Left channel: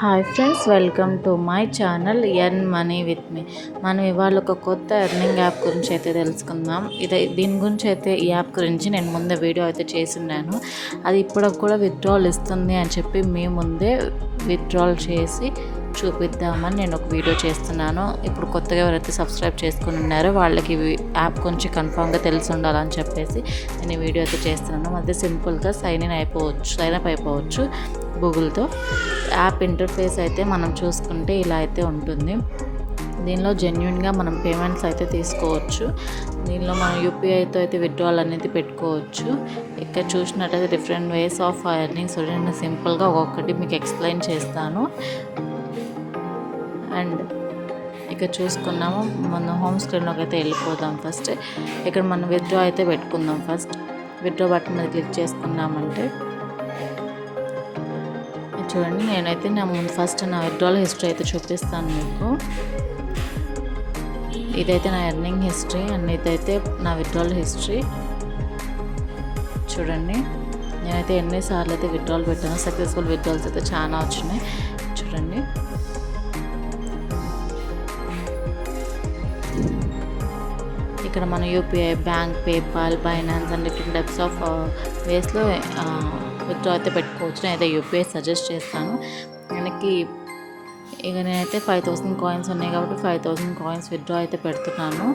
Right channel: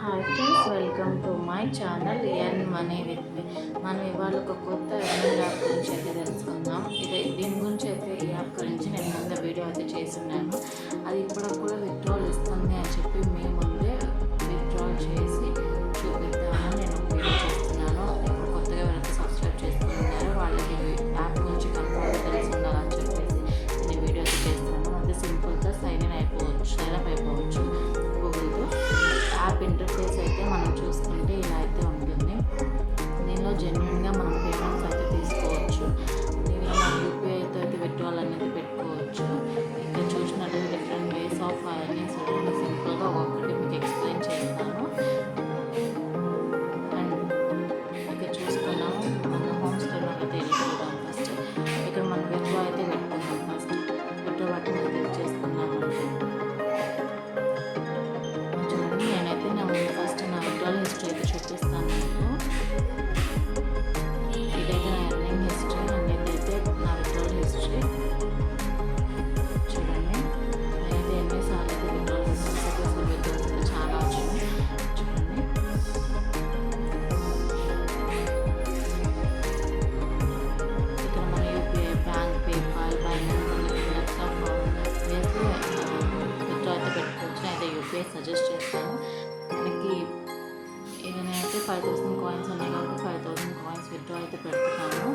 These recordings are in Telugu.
Hi friends, welcome to my channel earn money with me. మనం ఇవాళ ఒక కొత్త ఎర్నింగ్ యాప్ గురించి అయితే తెలుసుకుందాం. దీని గురించి అయితే ఈ యాప్ గురించి నేను ముందే వీడియో అయితే చేస్తున్నాను. అది ఇప్పటికి కూడా విత్డ్రాల్ ఇస్తుంది అని చెప్పి మీ ముందే విత్డ్రాల్ చేసి చూపిద్దామని నేను ఒక వీడియో చేస్తున్నాను. ఇప్పుడు కొత్తగా ఎవరైతే సబ్స్క్రైబ్ చేసుకుని ఉన్నారో వాళ్ళకి యాప్ గురించి కన్ఫామ్గా తెలిసి ఉండాలని చెప్పేసి నేను ఈ వీడియో అయితే చేస్తున్నాను. అదే సింపుల్గా సైన్ అప్ అయిపోవచ్చు గూగుల్తో. యాప్ ఇంటర్ఫేస్ అయితే మనం చూసుకుంటే ఇలా అయితే ఉంటుంది. దీనిలో జెన్యున్గా మనం పేమెంట్స్ అయితే తీసుకోవచ్చు. దీనిలో మనం యూపీఐతో అయితే విత్డ్రాల్ అనేది పెట్టుకోవచ్చు. ఇక్కడ చూసినట్టయితే డిఫరెంట్ వేస్ ఆఫ్ ఎర్నింగ్స్. నేను సింపుల్గా ఒక్కొక్కటి మీకు ఎక్స్ప్లెయిన్ చేస్తాను. అండ్ ఇక్కడ చూసుకున్నాము, మనం హోమ్ స్క్రీన్లోకి అయితే వెళ్ళిపోదాం. ఫస్ట్ ఇక్కడ మనం విత్డ్రా అయితే పెట్టుకుందాం. ఫస్ట్ విత్డ్రా బటన్ మీద క్లిక్ చేసుకున్నామంటే చూడండి, నేనైతే ఫస్ట్ నా విత్డ్రాల్ హిస్టరీ అయితే చూపిస్తాను మీకు. ఇదైతే నా ఎర్నింగ్ హిస్టరీ అండ్ ఇదైతే నా విత్డ్రాల్ హిస్టరీ. చూడండి, నేనైతే ఎన్నిసార్లు అయితే విత్డ్రాల్ పెట్టాను. సక్సెస్ఫుల్ విత్డ్రాల్స్ అయితే చాలా వచ్చినాయి. చూడండి, ఇక్కడ మన UPI, bank, PayPal, Binance and different types of వేస్లో విత్డ్రా అయితే పెట్టుకోవచ్చు. నేనైతే యూపీఐ సజెస్ట్ చేస్తాను. మనకి ఇక నేనైతే 5000 కాయిన్స్ ఉన్నాయి కాబట్టి 5000 కాయిన్స్ విత్డ్రా అయితే పెడుతున్నాను.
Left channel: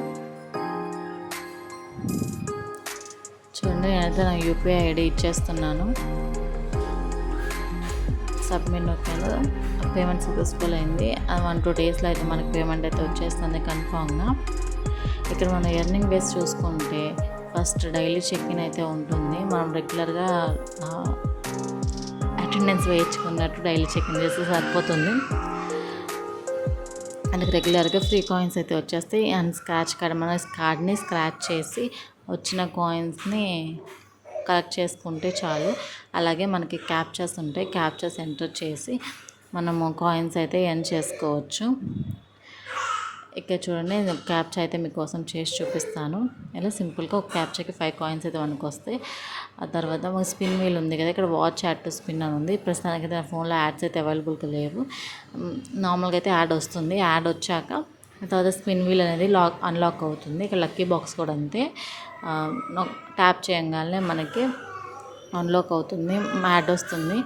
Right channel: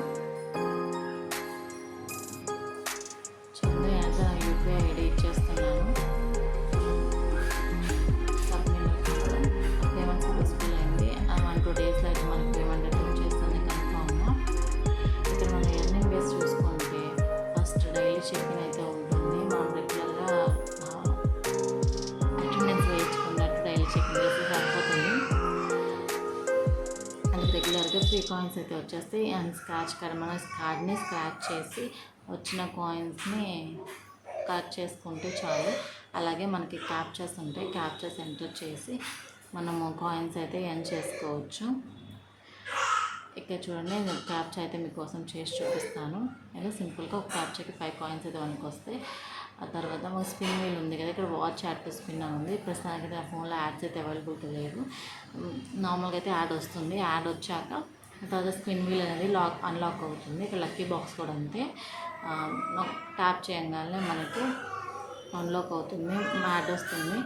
చూడండి, నేనైతే నా యూపీఐ ఐడి ఇచ్చేస్తున్నాను. సబ్మిట్ నొక్కాను. పేమెంట్ సక్సెస్ఫుల్ అయింది. 1-2 డేస్లో అయితే మనకి పేమెంట్ అయితే వచ్చేస్తుంది కన్ఫామ్గా. ఇక్కడ మనం ఎర్నింగ్ బేస్ చూసుకుంటే ఫస్ట్ డైలీ చెక్-ఇన్ అయితే ఉంటుంది. మనం రెగ్యులర్గా అటెండెన్స్ వేయించుకున్నట్టు డైలీ చెక్-ఇన్ చేస్తే సరిపోతుంది. అందుకు రెగ్యులర్గా ఫ్రీ కాయిన్స్ అయితే వచ్చేస్తాయి. అండ్ స్క్రాచ్ కార్డ్, మన కార్డ్ని స్క్రాచ్ చేసి వచ్చిన కాయిన్స్ని కలెక్ట్ చేసుకుంటే చాలు. అలాగే మనకి క్యాప్చర్స్ ఉంటాయి. క్యాప్చర్స్ ఎంటర్ చేసి మనము కాయిన్స్ అయితే ఎర్న్ చేసుకోవచ్చు. ఇక్కడ చూడండి, క్యాప్చా అయితే మీకోసం చేసి చూపిస్తాను. ఇలా సింపుల్గా ఒక క్యాప్చాకి 5 కాయిన్స్ అయితే మనకు వస్తాయి. ఆ తర్వాత ఒక స్పిన్ వీల్ ఉంది కదా, ఇక్కడ వాచ్ యాడ్ టు స్పిన్ అని ఉంది. ప్రస్తుతానికి అయితే నా ఫోన్లో యాడ్స్ అయితే అవైలబుల్గా లేవు. నార్మల్గా అయితే యాడ్ వస్తుంది. యాడ్ వచ్చాక తర్వాత స్పిన్ వీల్ అనేది అన్లాక్ అవుతుంది. ఇక్కడ లక్కీ బాక్స్ కూడా అంతే. ట్యాప్ చేయగానే మనకి అన్లాక్ అవుతుంది, యాడ్ వస్తుంది.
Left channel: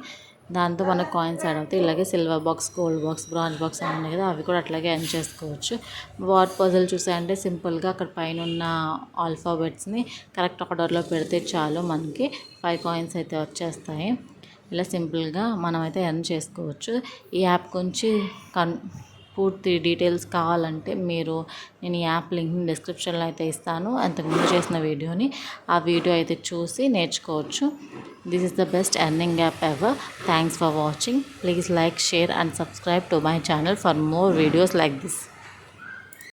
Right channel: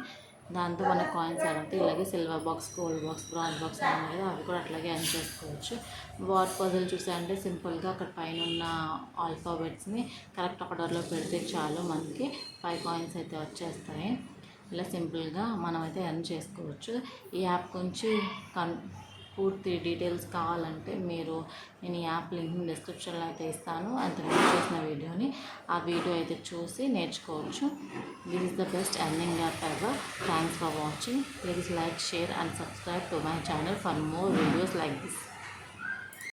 దాంతో మనకు కాయిన్స్ యాడ్ అవుతాయి. ఇలాగే silver box, gold box, bronze box అని ఉన్నాయి కదా, అవి కూడా అట్లాగే ఎర్న్ చేసుకోవచ్చు. వాట్ పజిల్ చూసాయంటే సింపుల్గా అక్కడ పైన ఉన్న ఆల్ఫాబెట్స్ని కరెక్ట్ ఆర్డర్లో పెడితే చాలు, మనకి 5 కాయిన్స్ అయితే వచ్చేస్తాయి. ఇలా సింపుల్గా మనమైతే ఎర్న్ చేసుకోవచ్చు. ఈ యాప్ గురించి పూర్తి డీటెయిల్స్ కావాలంటే నేను ఈ యాప్ లింక్ని డిస్క్రిప్షన్లో అయితే ఇస్తాను. అంతకుముందు చేసిన వీడియోని ఆ వీడియో అయితే చూసి నేర్చుకోవచ్చు. This is the best earning app ever. Thanks for watching. Please like, share and subscribe to my channel for more videos like this.